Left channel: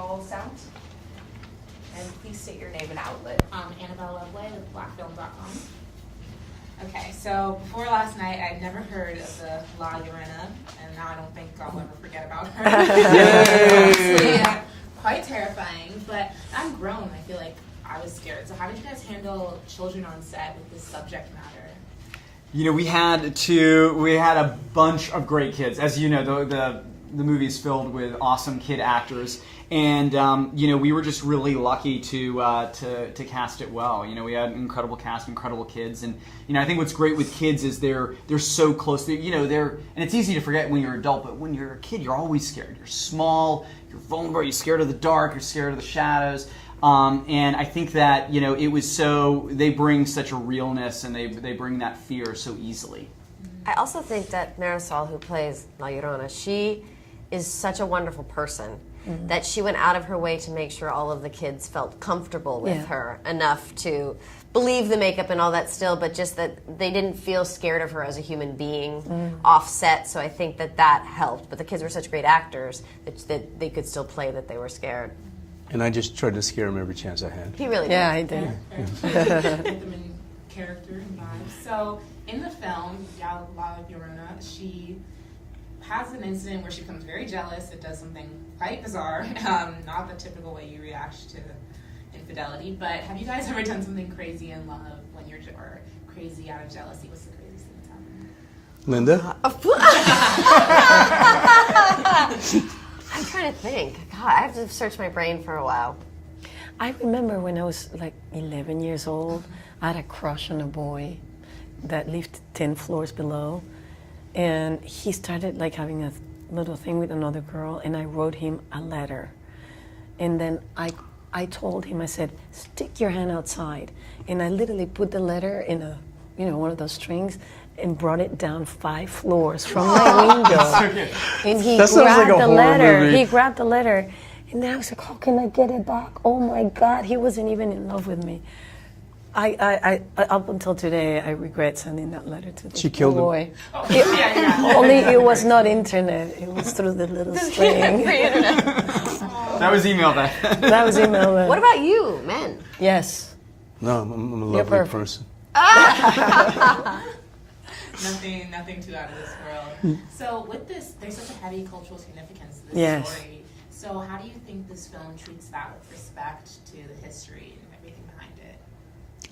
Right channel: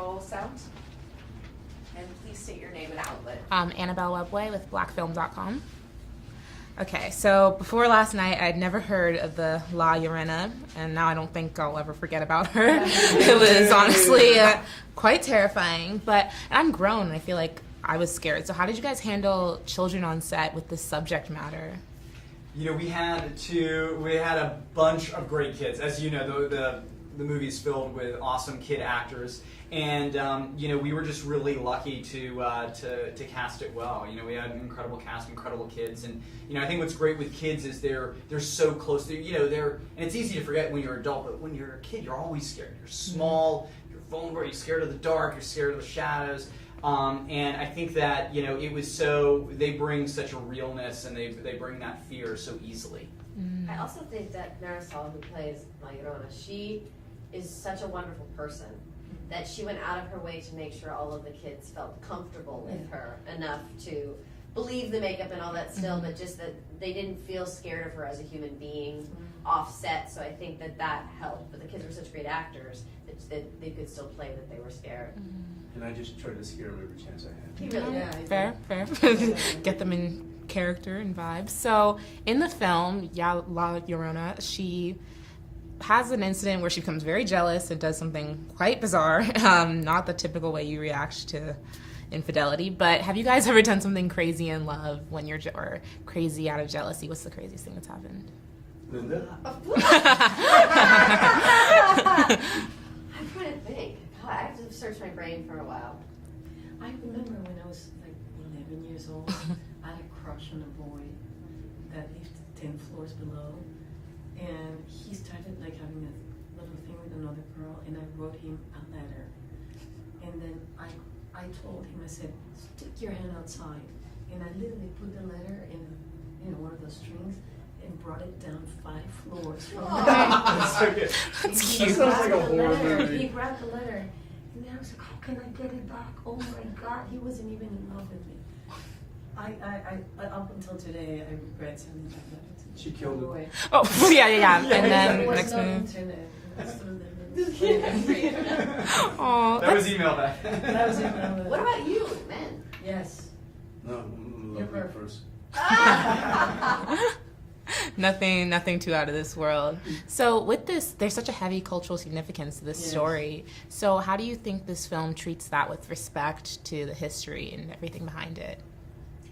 roll sound. And please state your name and outlet. Annabel Iwegbue with blackfilm.com. Okay, so before last night, I'd never heard of the La Llorona, and now I don't think I'll ever forget about her. It's honestly quite terrifying, but I'm grown, and I feel like I was scared. So how did you guys handle children on set with this subject matter? You know, we had a bunch of great kids. As you know, the movie's filled with awesome kid actors. And you know, we were just really lucky to cast it well. You know, we had an incredible cast, incredible kids, and you know, I think what's great with kids is they're so close. You know, and it's easy to forget when you're an adult, but when you're a kid, you're always scared. You're small, you're vulnerable, you're scared of the dark, you're scared of the shadows. And I think that, you know, they bring such a realness, and they bring that fear so easily. I also think that Marisol, who plays La Llorona, she is such a wonderful person. Mm-hmm. That she went out of her way to make sure all of the kids felt comfortable with her enough to believe the makeup and all that still, but just that they didn't feel scared of her as a human being offset. So I think that helped. But the kids were such great actors that they could still play that they were scared. And I just tried to scare him every chance I had. He really Yeah, did. Fair. Get them in character and vibes. So in the film, La Llorona, she has an incident where she becomes very jealous and does something quite bizarre. Not the typical way you react to infidelity, but have you guys ever done something crazy in love or crazy out of jealousy? What's the craziest thing that's happened? Linda? I'm trying to think. God, I have to search my brain for a while. I remember when I was like 11 years old, I had a crush on a boy that lived 10 floors below. And he started like having a little thing with another girl, and I wrote him a letter. And then I told him, I said, stick your hand outside. And I literally put the letter in one of those strings and brought it down 5 floors from my window. And he grabbed the letter. He grabbed the letter. And then I was like, how can I get it back? Oh my God, he wasn't even in love with me. I up until today, I regret sending that letter to the She killed boy. him. Oh, yeah. Only it was not internet. It was through the little string. That was email then. That was email then. What about you, men? Yes. No, I'm a You're lovely perfect. person. Nothing too out of this world. So with this, there's such a heavy cultural significance to this story. So how do you think this film treats that with respect to the history and everything behind it?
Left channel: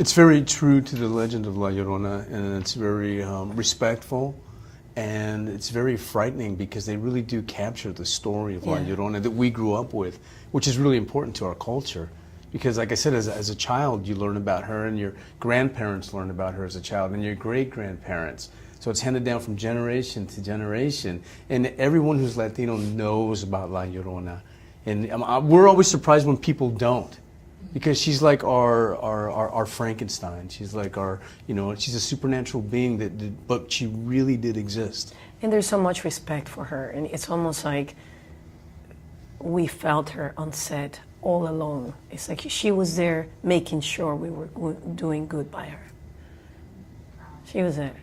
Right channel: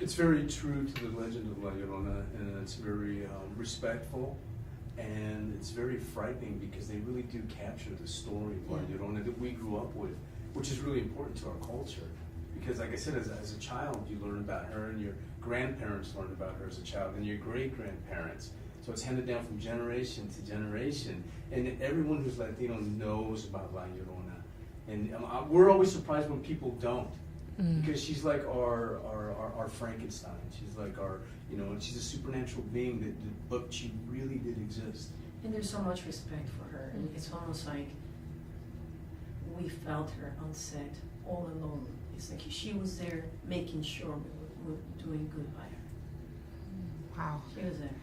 It's very true to the legend of La Llorona, and it's very respectful, and it's very frightening because they really do capture the story of La Llorona that we grew up with, which is really important to our culture. Because like I said, as a child, you learn about her, and your grandparents learn about her as a child, and your great-grandparents. So it's handed down from generation to generation, and everyone who's Latino knows about La Llorona. And we're always surprised when people don't. Because she's like our Frankenstein. She's like she's a supernatural being but she really did exist. And there's so much respect for her, and it's almost like we felt her on set all along. It's like she was there making sure we were doing good by her. Wow. She was there.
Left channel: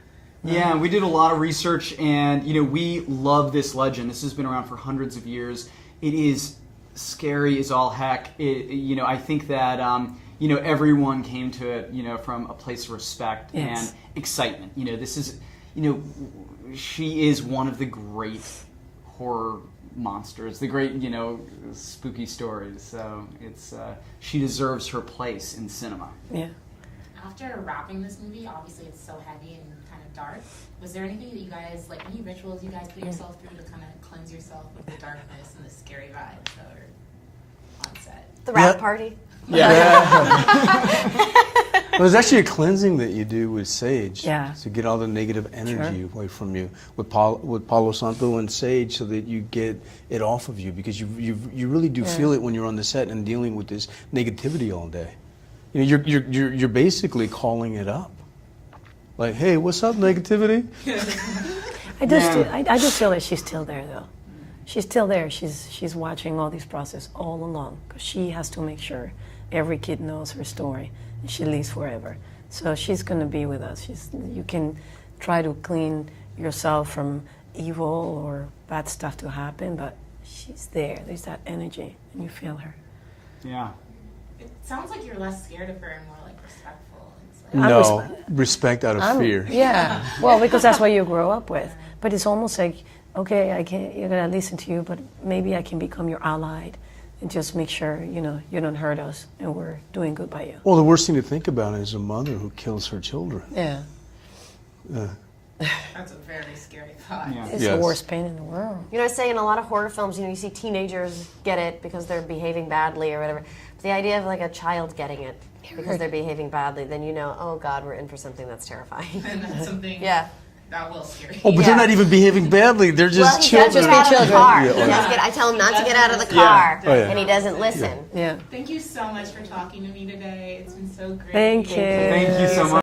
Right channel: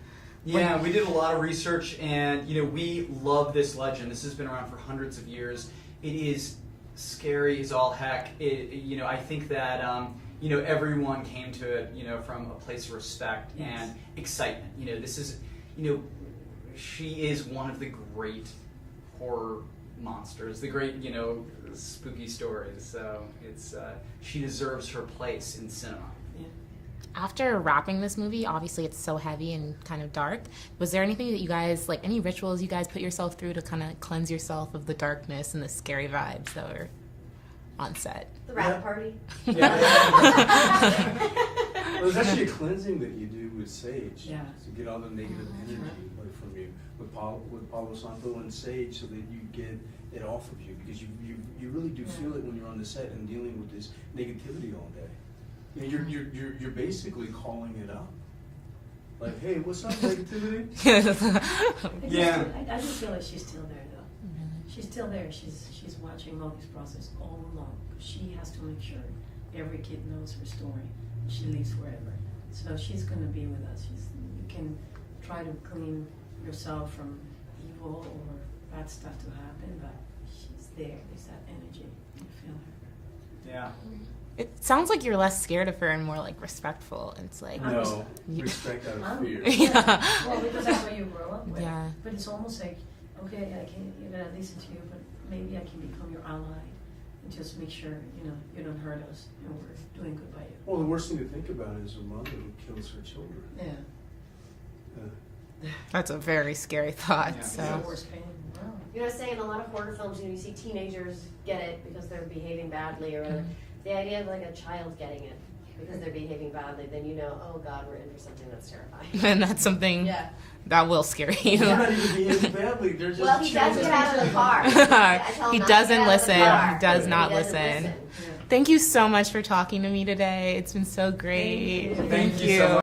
Yeah, we did a lot of research, and you know, we love this legend. This has been around for hundreds of years. It is scary as all heck. You know, I think that you know, everyone came to it, you know, from a place of respect and excitement. You know, this is, you know, she is one of the great horror monsters, the great, you know, spooky stories. So it's she deserves her place in cinema. Yeah. After wrapping this movie, obviously it's so heavy and kind of dark. Was there anything that you guys, like any rituals you guys put yourself through to kind of cleanse yourself of the darkness and the scary vibes that were on set? The rap party? Well, there's actually a cleansing that you do with sage to get all the negative energy away from you with Palo Santo and sage, so that you get it off of you, because you really do feel it when you're on the set and dealing with this negativity all day. You know, you're basically calling it up. Like, hey, what's up, negativity? I just feel like she's still there, though. She's still there. She's watching all this process all along, because she has to make sure every kid knows her story. She lives forever. So she's going to be with us. You can try to clean yourself from evil or bad stuff to happen, but she's there. There's that energy, and you feel her. Yeah. It sounds like you're less scared of her and more like respectful. It's like No, respect out of I'm- fear. Yeah. Well, because that's what you grow up with. Yeah. But it's almost like, okay, I can't. You're gonna listen to you, but maybe I can become your ally, and just make sure you don't hurt us, and we're doing good by you. Well, the worst thing to think about is a mother who kills her children. Yeah. that's a very scary thought. Yeah. It's Yes. the worst pain in the world. You know, I was saying in a lot of horror films, you see teenagers get it because they're behaving badly or whatever. But the idea of like a child getting it because they're behaving badly, then you know, oh God, we're in for something that's terrifying. And that's something Yeah. that will scare you. Oh, but they're not even behaving badly. They're Well, just he does children. get out of the car. Yeah. I tell him He not to doesn't get out of the listen. car, Does and he not doesn't listen. listen. Yeah. Thank you so much for talking to me today. It's been so great. Thank you. Thank you so much.